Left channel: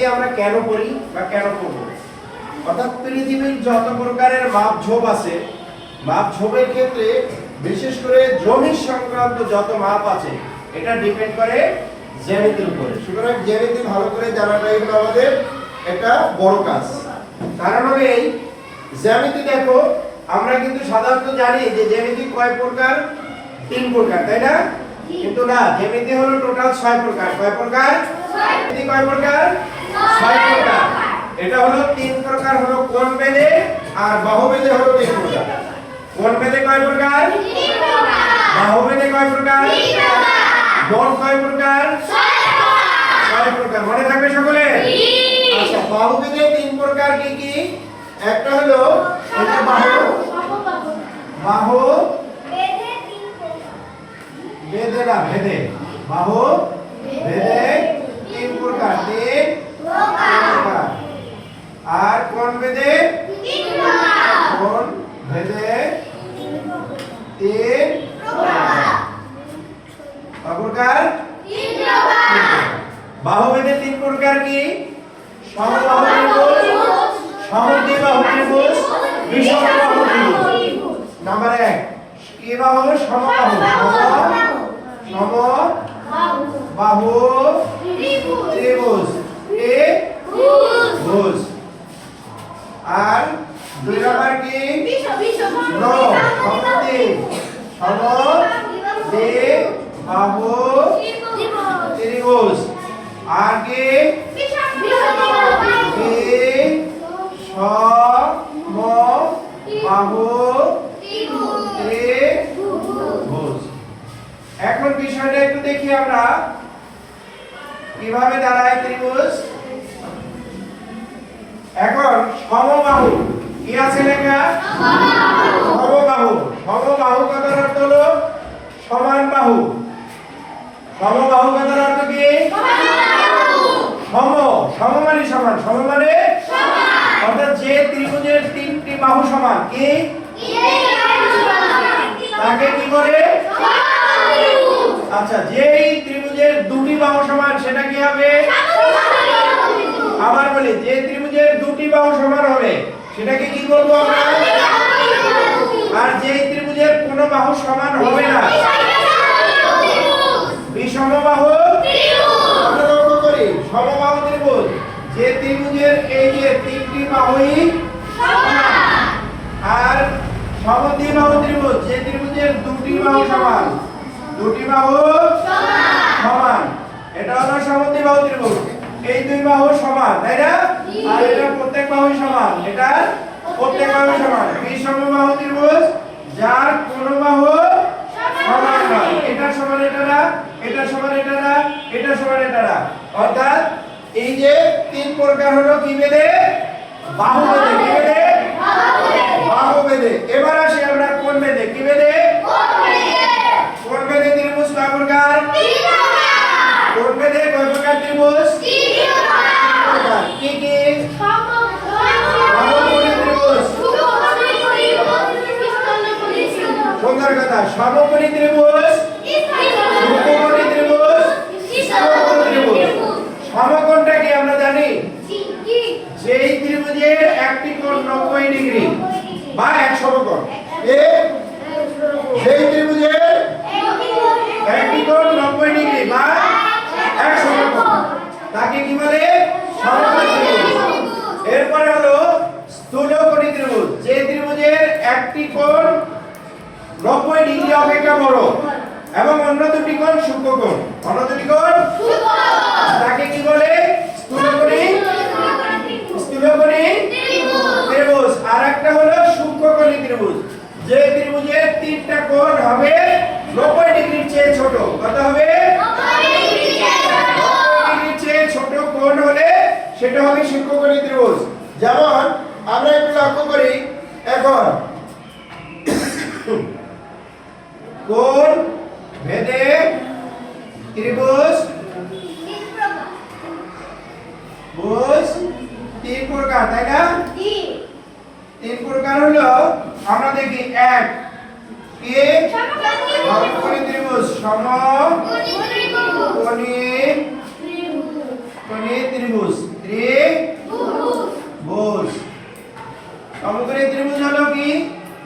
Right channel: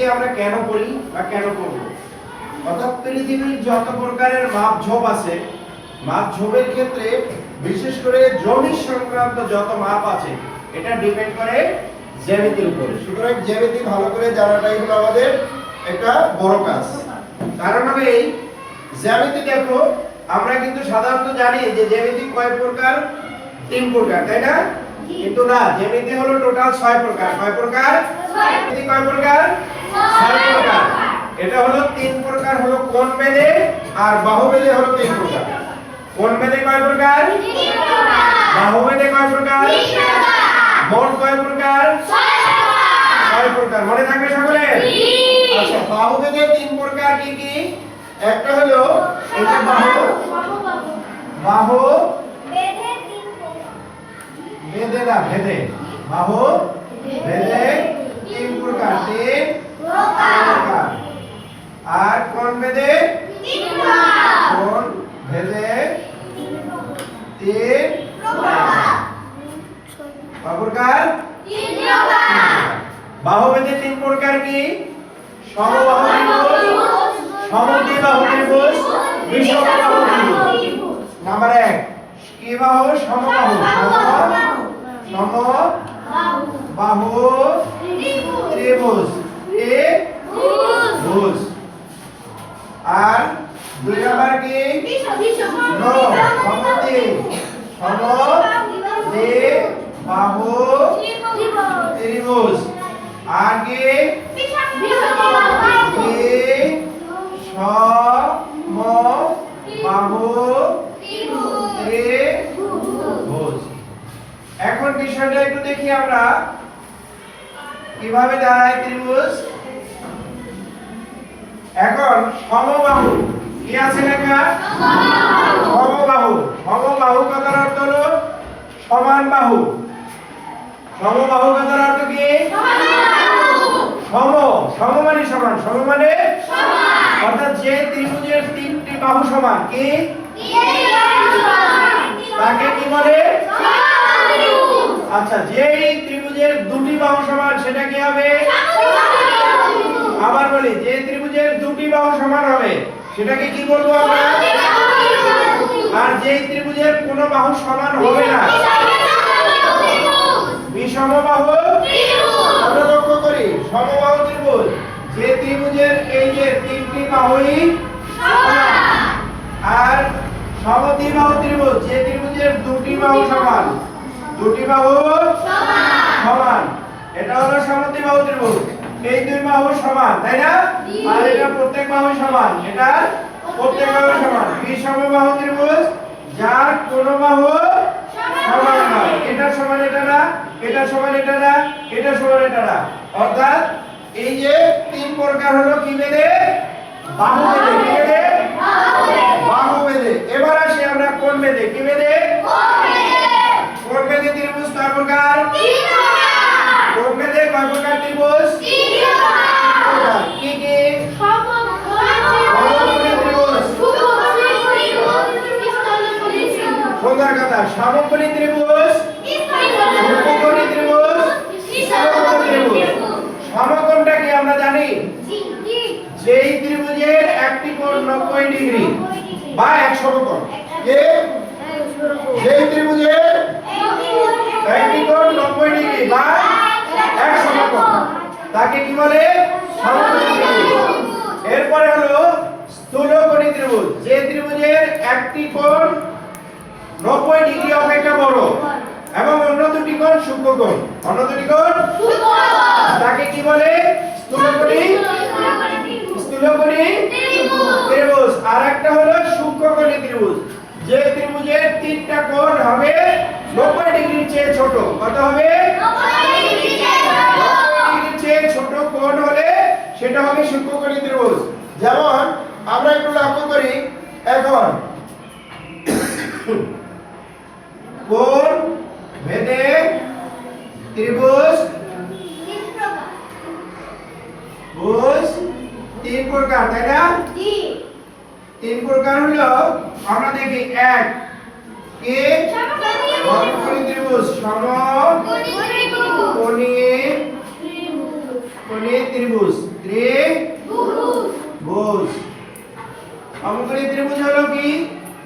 জ্যামিতি আমরা কেন করি বা কেন করব? অর্থাৎ পৃথিবীর যত প্রকারের মাপঝোপ আছে, মাপঝোপের ক্ষেত্রে বিশেষ করে জমি সংক্রান্ত যত মাপ আছে এটা ডিপেন্ড করে জ্যামিতির উপরে। সুতরাং জ্যামিতি ভালো করে জানাটাই হলো আমাদের একটা বড় কাজ। কারণ হবে এই জ্যামিতি, দেখো আমরা কিন্তু সাধারণত জানি যে জ্যামিতি কয় প্রকার? 3 প্রকার, তাই না? কিন্তু না, জ্যামিতি হলো টোটাল 6 প্রকার। কয় প্রকার? জ্যামিতি কয় প্রকার? 6 প্রকার। এটা হলো 3 প্রকার হলো কোণ বেধে আর বাহু বেধে হলো 3 প্রকার। কোণ বেধে কয় প্রকার? 3 প্রকার। বাহু বেধে কয় প্রকার? 3 প্রকার। মোট কয় প্রকার? 6 প্রকার। মনে থাকবে সকলে? আচ্ছা, বাহু বেধে 3 প্রকার কি কি? একটা হলো এটা বাহু বেধে 3 প্রকার। বেধে না, বেধে। বাহু বেধে 3 প্রকার। 3 প্রকার। আর কোণ বেধে 3 প্রকার। কোণ বেধে 3 প্রকার। কয় প্রকার? 3 প্রকার। বাহু বেধে 3 প্রকার কি? সমবাহু ত্রিভুজ, সমদ্বিবাহু ত্রিভুজ, বিষমবাহু ত্রিভুজ। নাম্বার 1 কি বাহু? সমবাহু। সমবাহু ত্রিভুজ। ত্রিভুজ। আর 2 নাম্বার কি? সমদ্বিবাহু ত্রিভুজ। আর কি? সমবাহু ত্রিভুজ। এখন বিষয়টা একটু দেখি আমরা কিভাবে দাঁড়ায় ত্রিভুজ। এখন সমবাহু কি আছে লেখা? সমবাহু। সমবাহু কথার অর্থ হলো সমান বাহু। সমবাহু কথার অর্থ কি? সম মানে সমান, সম মানে অর্থাৎ যে ত্রিভুজের 3টি বাহু সমান কি তাকে কি বলে? আচ্ছা, যে ত্রিভুজের 2টি বাহু সমান সেটা কি হবে? আবার বলি, যে ত্রিভুজের 2টি বাহু সমান হবে সেটাকে কি বলবো আমরা? আর যে ত্রিভুজের কোনো বাহু সমান হবে না বিষমবাহু ত্রিভুজ। আমরা লক্ষ্য করি সমবাহু ত্রিভুজ যে ত্রিভুজের এই যে 3টি বাহুই সমান, আর সমদ্বিবাহু ত্রিভুজ যে ত্রিভুজের 2টি বাহু সমান। 2টি বাহু সমান, এটা হলো সমদ্বিবাহু ত্রিভুজ। এই 2 বাহু সমান, তাই না? আর এটা প্রত্যেক বাহু সমান, এটা প্রত্যেক বাহু সমান। বিষমবাহু ত্রিভুজ যার কোনো বাহু সমান নয়। এটা সমান এটা না, এটা সমান এটা না, এটা সমান এটা না। অর্থাৎ এই যে 3 প্রকার হলো কি বেধে? বাহু বেধে। কি বেধে? বাহু বেধে। এবার আসি আমরা কোণ বেধে। কি বেধে? কোণ বেধে ত্রিভুজ কয় প্রকার? 3 প্রকার। কোণ বেধে কয় প্রকার ত্রিভুজ? 3 প্রকার। কি কি? সমকোণী ত্রিভুজ। সুন্দর কথা। সমকোণী ত্রিভুজ, সমকোণী ত্রিভুজ, সমকোণী ত্রিভুজ। সমকোণটা কি আমরা জানি? যেই ত্রিভুজের একটি কোণ 90 ডিগ্রি বা 1 সমকোণ। যেই ত্রিভুজের একটি কোণ 90 ডিগ্রি বা 1 সমকোণ তাকে কি বলে? সমকোণী ত্রিভুজ। এরপরে হলো স্থূলকোণী ত্রিভুজ। যে ত্রিভুজের একটি কোণ 90 ডিগ্রি অপেক্ষা বড় এবং অন্য দুটি কোণ সূক্ষ্মকোণ। অন্য দুটি কোণ তাকে কি বলে? স্থূলকোণী ত্রিভুজ। আর একটা হলো সূক্ষ্মকোণী ত্রিভুজ। যে ত্রিভুজের 3টা কোণ হবে 90 ডিগ্রির চেয়ে ছোট। কত হবে? 90 ডিগ্রির চেয়ে ছোট কোণ হলে সেটা হবে সূক্ষ্মকোণী ত্রিভুজ। যেমন আমরা একটু লক্ষ্য করি, এখন কোণ বেধে ত্রিভুজ 3 প্রকার, তাই না? 3 প্রকার হলো আমরা দেখি 1 কি? সমকোণী ত্রিভুজ। সমকোণী কোণী ত্রিভুজ ত্রিভুজ সমকোণী ত্রিভুজ হলো কি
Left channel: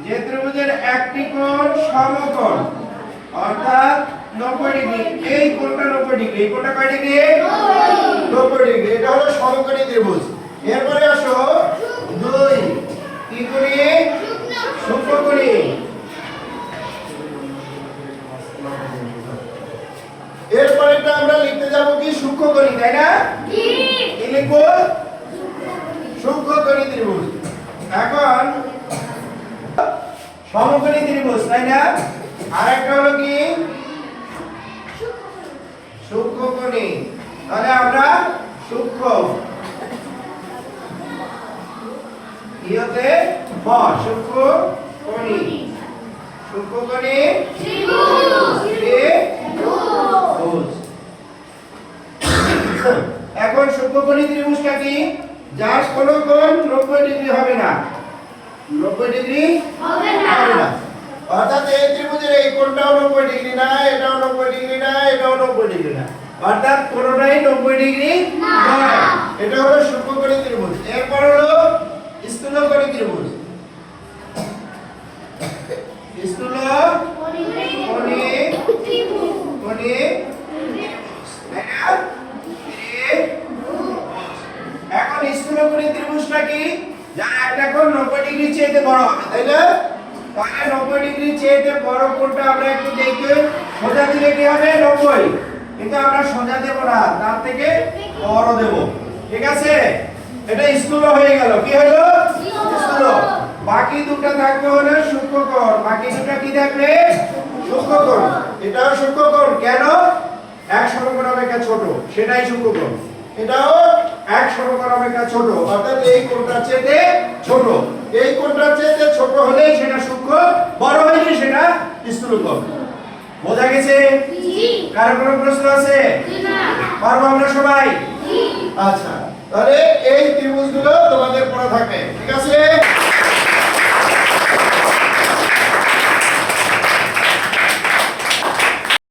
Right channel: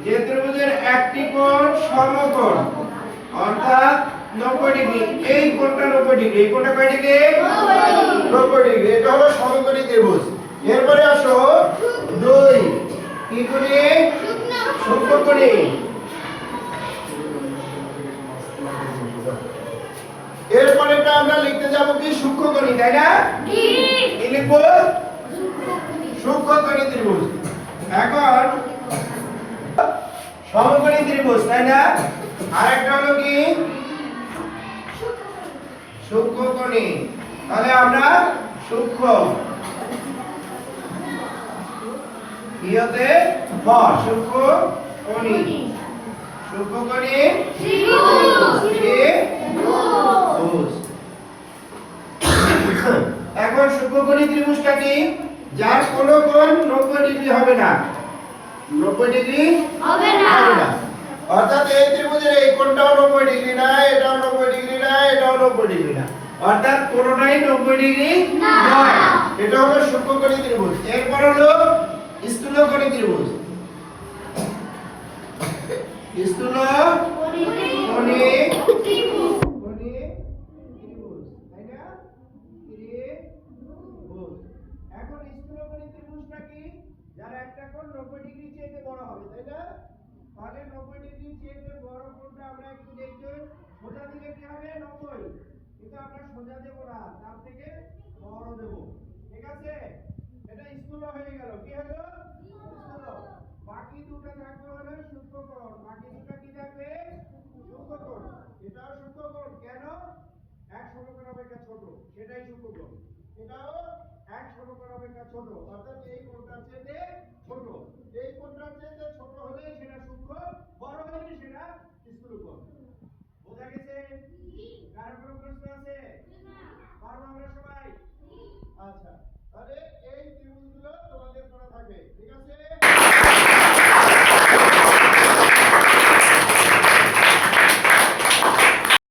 যে ত্রিভুজের একটি কোণ সমকোণ অর্থাৎ 90 ডিগ্রি এই কোণটা 90 ডিগ্রি এই কোণটা কয় ডিগ্রি 90 ডিগ্রি এটা হলো সমকোণী ত্রিভুজ এরপরে আসো 2 ত্রিকোণী সূক্ষ্মকোণী এরপরেটা আমরা লিখতে যাব কি সূক্ষ্মকোণী তাই না কি লিখবো সূক্ষ্মকোণী ত্রিভুজ এখন সমকোণী ত্রিভুজ তাই না আরেকটা হলো কি সূক্ষ্মকোণী তাহলে আমরা সূক্ষ্ম ইহতে ব সূক্ষ্মকোণী ত্রিভুজ এখন সূক্ষ্মকোণী ত্রিভুজটা কি যার কোন কোণ 90 ডিগ্রি হবে না 90 ডিগ্রি হবে না অর্থাৎ এই ত্রিভুজের এই কোণটাও 90 ডিগ্রি না এটাও 90 ডিগ্রি না এটাও 90 ডিগ্রি না অর্থাৎ কোনটাই 90 ডিগ্রি নয় এটা হলো সূক্ষ্মকোণী ত্রিভুজ এরপর হলো স্থূলকোণী ত্রিভুজ স্থূলকোণী ত্রিভুজ তাই না এখন স্থূলকোণী ত্রিভুজটা কি যার একটা কোণ 90 ডিগ্রি চেয়ে বড় হবে তাই না তাহলে 90 ডিগ্রি চেয়ে বড় কোণটা আমরা একটু দেখি সোজা দিলে কি হবে 90 কিন্তু আমরা সোজা দেব না তার থেকে বড় দেব ঠিক আছে এটা স্থূল হয়ে গেল কি হলো স্থূল বাকি দুটো থাকবে হলো সূক্ষ্মকোণ বাকি দুটো কি থাকবে সূক্ষ্মকোণ এটাও সূক্ষ্মকোণ কেন এক সমকোণ অপেক্ষা ছোট সেটাই সূক্ষ্মকোণ এটাও এক সমকোণ অপেক্ষা ছোট অর্থাৎ এই কোণটার চেয়ে ছোট এই কোণটার চেয়ে ছোট হলেই সেটা সূক্ষ্ম বড় হলে সেটা স্থূলকোণ বোঝা গেছে জি কার কোনো প্রশ্ন আছে না পারবো আমরা সবাই জি আচ্ছা তাহলে এই ত্রিভুজগুলো তোমাদের পড়া থাকবে ঠিক আছে